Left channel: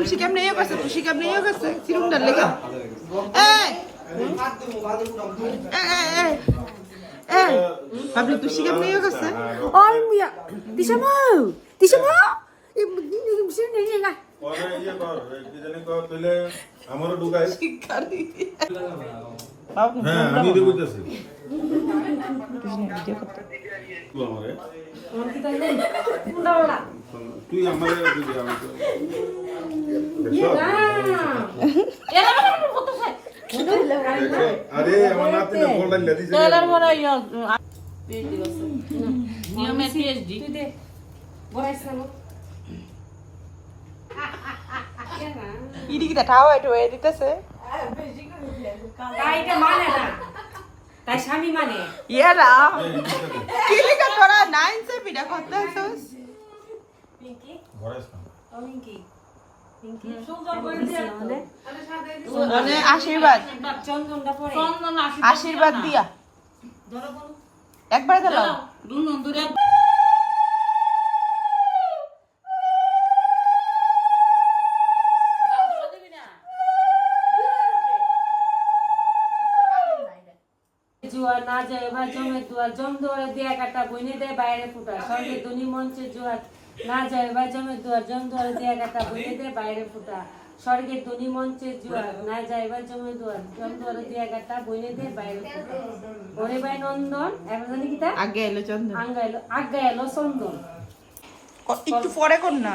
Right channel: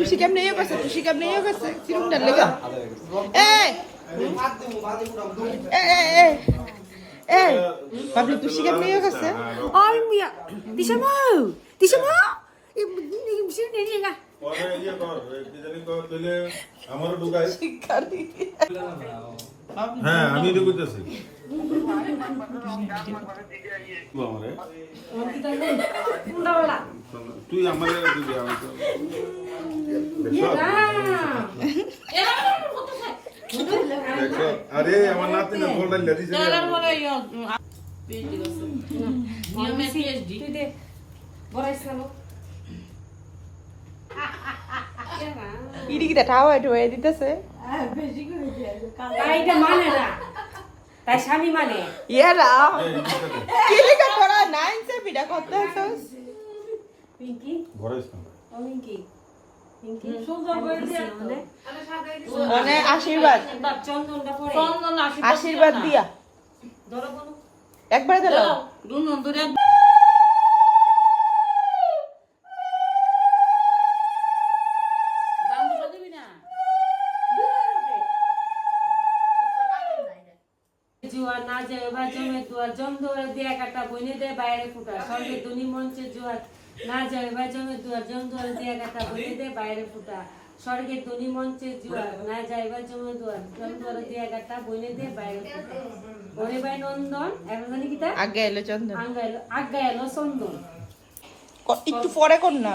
Tusi keমনে ইয়ে করছে সিরুম ডাল লাগা বাবলি তুসি কেমনে ইয়ে করছে ওই মিয়া দিশামো এই মুসির নেই লাগা ওরে ইয়ে কর কি জানি কর কইলে আমারও ঢুকাই হ্যাঁ আমি তো বুঝতেছি তুই আমারে তুই আমারে দিবি আমি তো আরে আমার নাতি না ফোন লাইলা দিছে ডলার বড় ইয়া পিএইচডি করছে নিয়মে পিএইচডি তুই দে বড়াইছালো ইডিকিটা ঠাও এটা হয়ে দিতেছে কাইটা মানে না তাই স্বামী মানে ইয়ারা কি লিখা তোরা 9 সে বিডা করতেছস পিঙ্কি ঘরেস না পিঙ্কি পিঙ্কি সুন্দর করে দিয়া মানে আশীর্বাদ চন্দনটা পরে আশীর্বাদ দিয়া ধরো বলো একবার দাও দুন ধরে জুয়ার না যায় এবার জমে দুয়ার জম দুয়ারে দিয়া কাটা বইনে দেয় বাইরে ফুটা স্বর্গে ধনী মঞ্চে জুয়ার না যায় এবার জমে দুয়ার জম দুয়ারে দিয়া কাটা বইনে দেয় বাইরে ফুটা স্বর্গে ধনী মঞ্চে জুয়ার না যায় এবার জমে দুয়ার জম দুয়ারে দিয়া কাটা বইনে দেয় বাইরে ফুটা ওরে ভাই নন্দন এখন জানি কিটা আগে এলো চন্দন আগে এলো চন্দন একটু পরে কোন না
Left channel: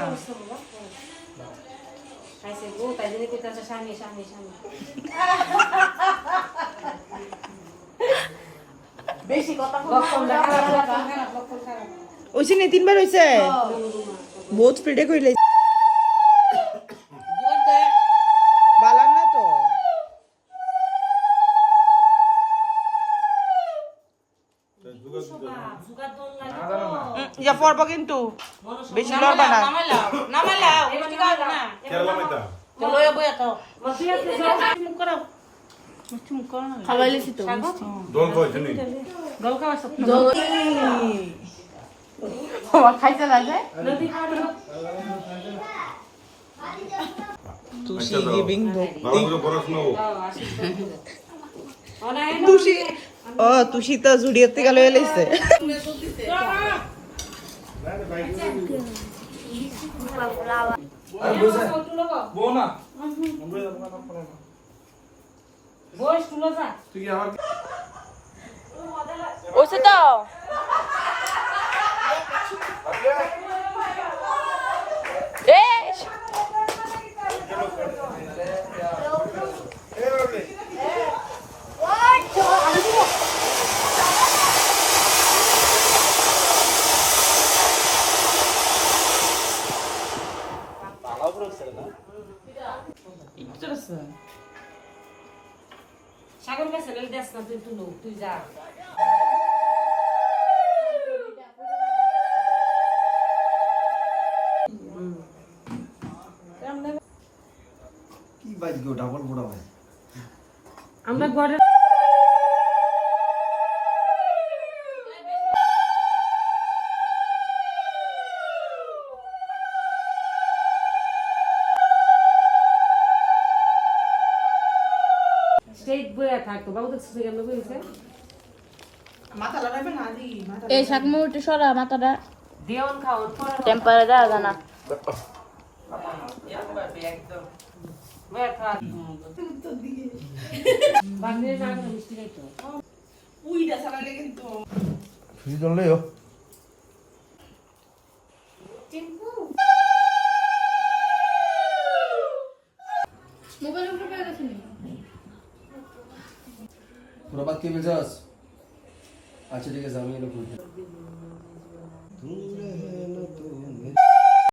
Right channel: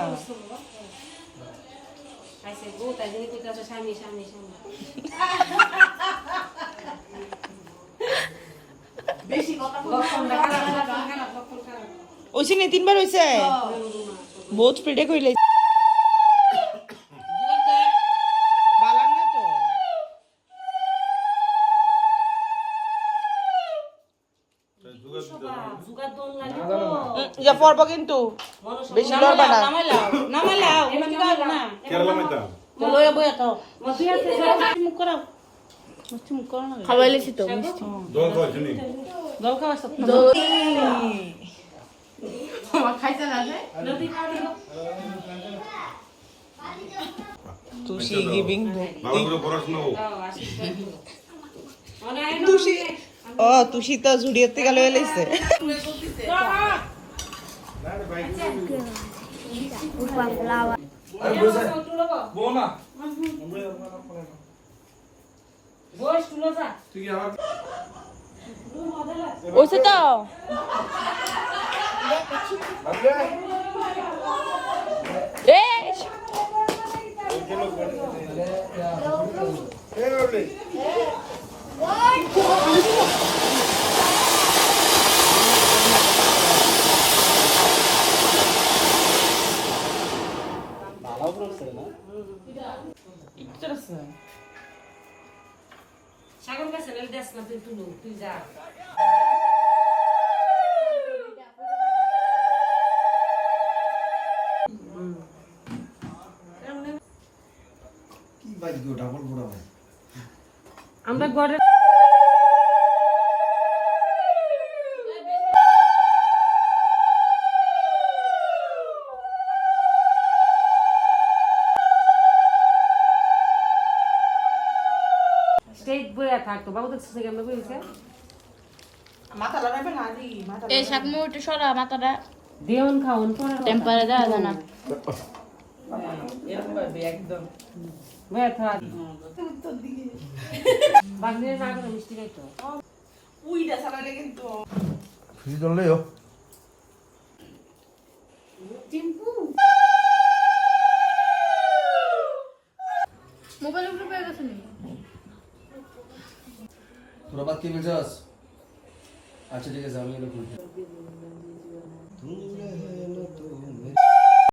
আইসে গো তাই জানি পিতা স্বামী স্বামী স্বামী বেশি কথা ওইছে নে তিনবার হইছে বহুত স্পিডে কইলে বালান না তো ইয়া পড়বো কিন্তু বেশি লড়বো না খাওয়াইলেছি তো মিষ্টি দোল কইছ নি খাইতে লাগে তুষি গিভিং ভক্তি ভালো করে পড়াশোনা হোক তুষি ও তুষি তো জুড়িয়েতে গেল এলেছে ওসে তো সাগর কাছে দেশ না তুই যা আমরা ঘরে স্ট্রেট বইয়া থাকতো বাবু দেখছিস কেমন বইছে মাথা লাগাবে না দি মাথা এই শাকমু একটু সরা মাথাটা দেওন খাওন পরে টেম্পারেচার আছে না একদম বইয়া থাক বান্ধে না করে মিষ্টি খাইতো উইটা সারালে কিন্তু ফ্রি জল লেও মোবাইল উপরে পেয়ে গেছেন তোরা বাদ কে বেজাস আচ্ছা ঠিক আছে আমি এলো